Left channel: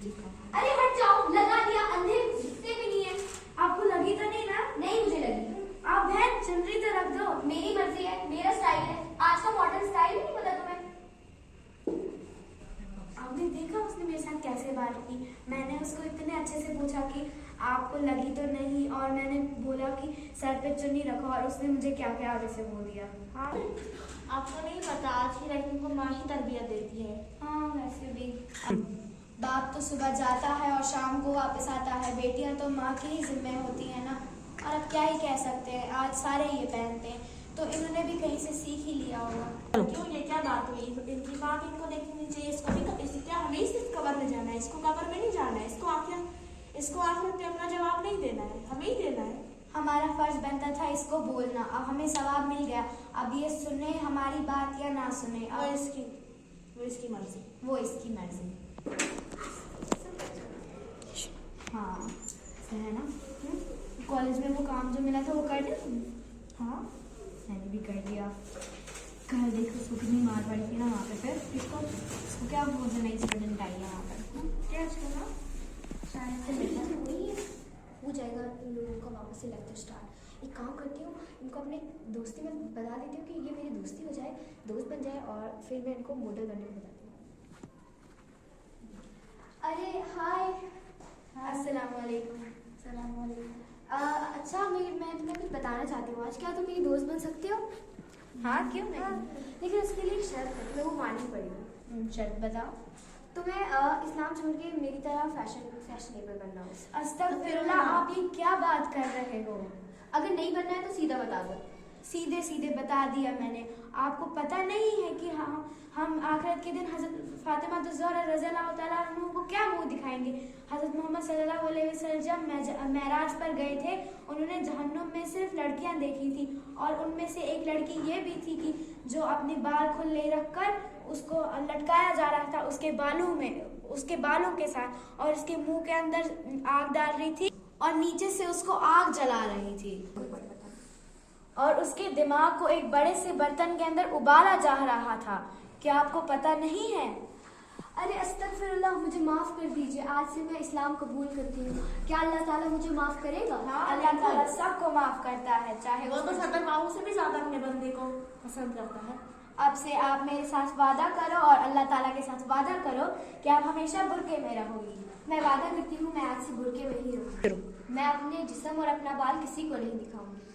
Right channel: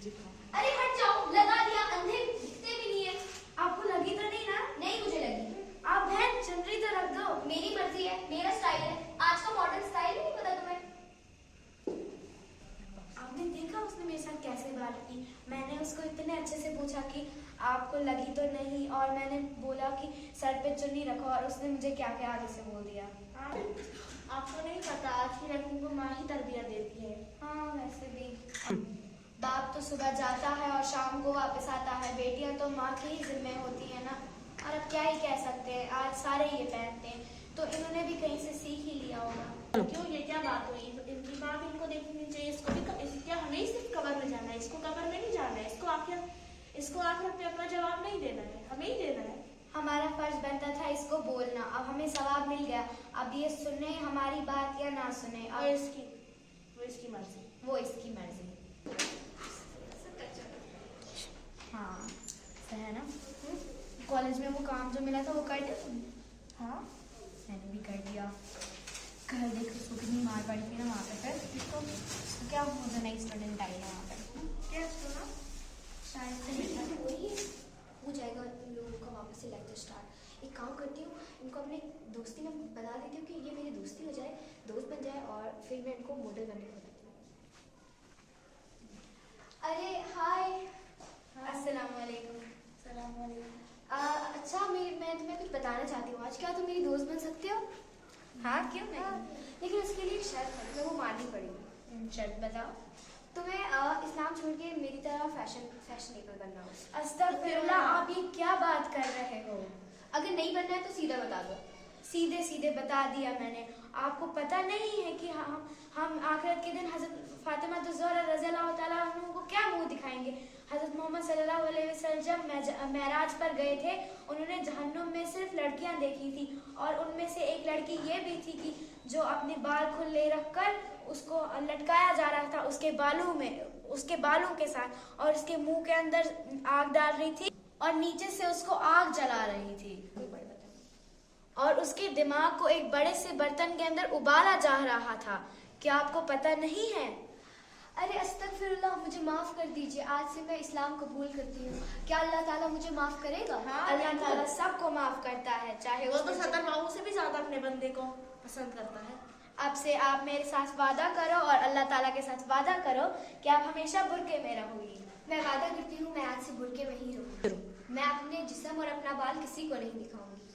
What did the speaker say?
अरे हट जाओ, लगा दिया, अंधे दिखते भी नहीं है। आपको लगी तो नहीं ना? नहीं मुझे लगी। आप बहन चुनरी तो रख दो। मेरी मर्जी है, मेरा स्टाइल है। आज का मॉडर्न स्टाइल नहीं पता तुम्हें? आपने देखा उसने मेरे साथ कैसे बात की? मैंने उसको इतने अच्छे से पूछा कि आपको लगी तो नहीं, और मैंने बोला कि सर पे चुन्नी रखो, और उसने मुझे क्या क्या आगे से बोल दिया। हाँ, आपको नहीं पता, आज की लड़की को माँ ही तरबियत देती है। हाँ वैसे भी बाप तो सुबह जाता है और शाम को वापस आता है, बेटियां तो माँ की ही जिम्मे होती है ना। और अब क्या ही कह सकते हैं, आज सारे ये पहनते हैं, तो इन्होंने भी कहीं से सीख ही लिया होगा। क्यों, ये क्या बात हुई? इनकी बात इनको देखनी चाहिए। इसको भी क्या हमें ही सिर्फ कबर में जाना है? इसको कबर में नहीं जाना है, इसको आखिरत में अपना जवाब नहीं देना है, हमें ही देना है। हमारा फर्ज बनता था इसको बोलना, अब हमें सवाब मिल गया। अब ये सुने हमारी बात या ना सुने, और और वो इसकी मर्जी। वो इसकी मर्जी। हाँ सही है ना? कॉलेज में वो काम जो मिला था वो कर दिया? हाँ मैंने भी कर दिया। कल देखो उसको कितनी मार पड़ी थी ना वहाँ पे। फिर इसको क्या बोलते, नई स्टूडेंट आई है यहाँ पर। क्या सुना? शायद से हो जाएगा इन लोगों का वापस से लेक्चर स्टार्ट। एक काम करती हूँ, इनको अपने दोस्ती में बता देती हूँ कि ये मेरी दोस्ती हो जाए, दोस्त बन जाए, और फिर मैं इनको मॉडल बनने को बताती हूँ। अरे हाय। अस्सलाम वालेकुम। सलाम वालेकुम। अच्छा मैं तुम्हें कुछ बताना चाहती हूँ आज। क्या तुम मेरी दोस्त बन सकते हो? हाँ क्यों नहीं? लेकिन उसके लिए एक शर्त है, तुम्हें वो माननी पड़ेगी। शर्त बताओ। तुम्हें इस्लाम छोड़ के मेरी तरह फैशनेबल बनना हो। अस्तगफिरुल्लाह, आप ये क्या बात कर रहे हो? अगर नहीं बनना है तो सीधा बता दो। सीधे सीधे बता दिया मैंने। आपको पता नहीं है कि हम आखिरत के दिन हज़रत फातिमा ज़हरा रज़ियल्लाहु तआला अन्हा को क्या मुंह दिखाएंगे? हज़रत मोहम्मद सल्लल्लाहु अलैहि वसल्लम जब मेराज पर गए थे, उन्होंने जहन्नुम में सिर्फ लड़कियां देखी थी, और उनमें से एक लड़की ये भी थी कि जो अपने बाल खुले रखकर उसको लटकाया जा रहा था उसके बालों के साथ, और उसके मुंह के अंदर आग डाल रही थी और नीचे से उसको आग जला रही थी, और उसके दिमाग को एक बड़े से बर्तन के अंदर उबाला जा रहा था। क्या आपको पता नहीं है? अरे अस्तगफिरुल्लाह, मुझे माफ कर दीजिए, आज से मैं इस्लाम कबूल करती हूँ। क्या अल्लाह ताला मुझे माफ करेगा? हाँ, अल्लाह ताला सबको माफ करता है, चाहे वो तो 70 बाबू से भी ज्यादा अपने बंदे को पसंद करता है। अब से आप मेरे साथ वादा करो और अल्लाह ताला के साथ वादा करो कि आप हमेशा बुर्के में रहोगी। मैं वादा करती हूँ, मैं आज से बुर्के में ही रहूँगी। मैं अपने जिस्म और अपना बाल किसी को नहीं दिखाऊंगी।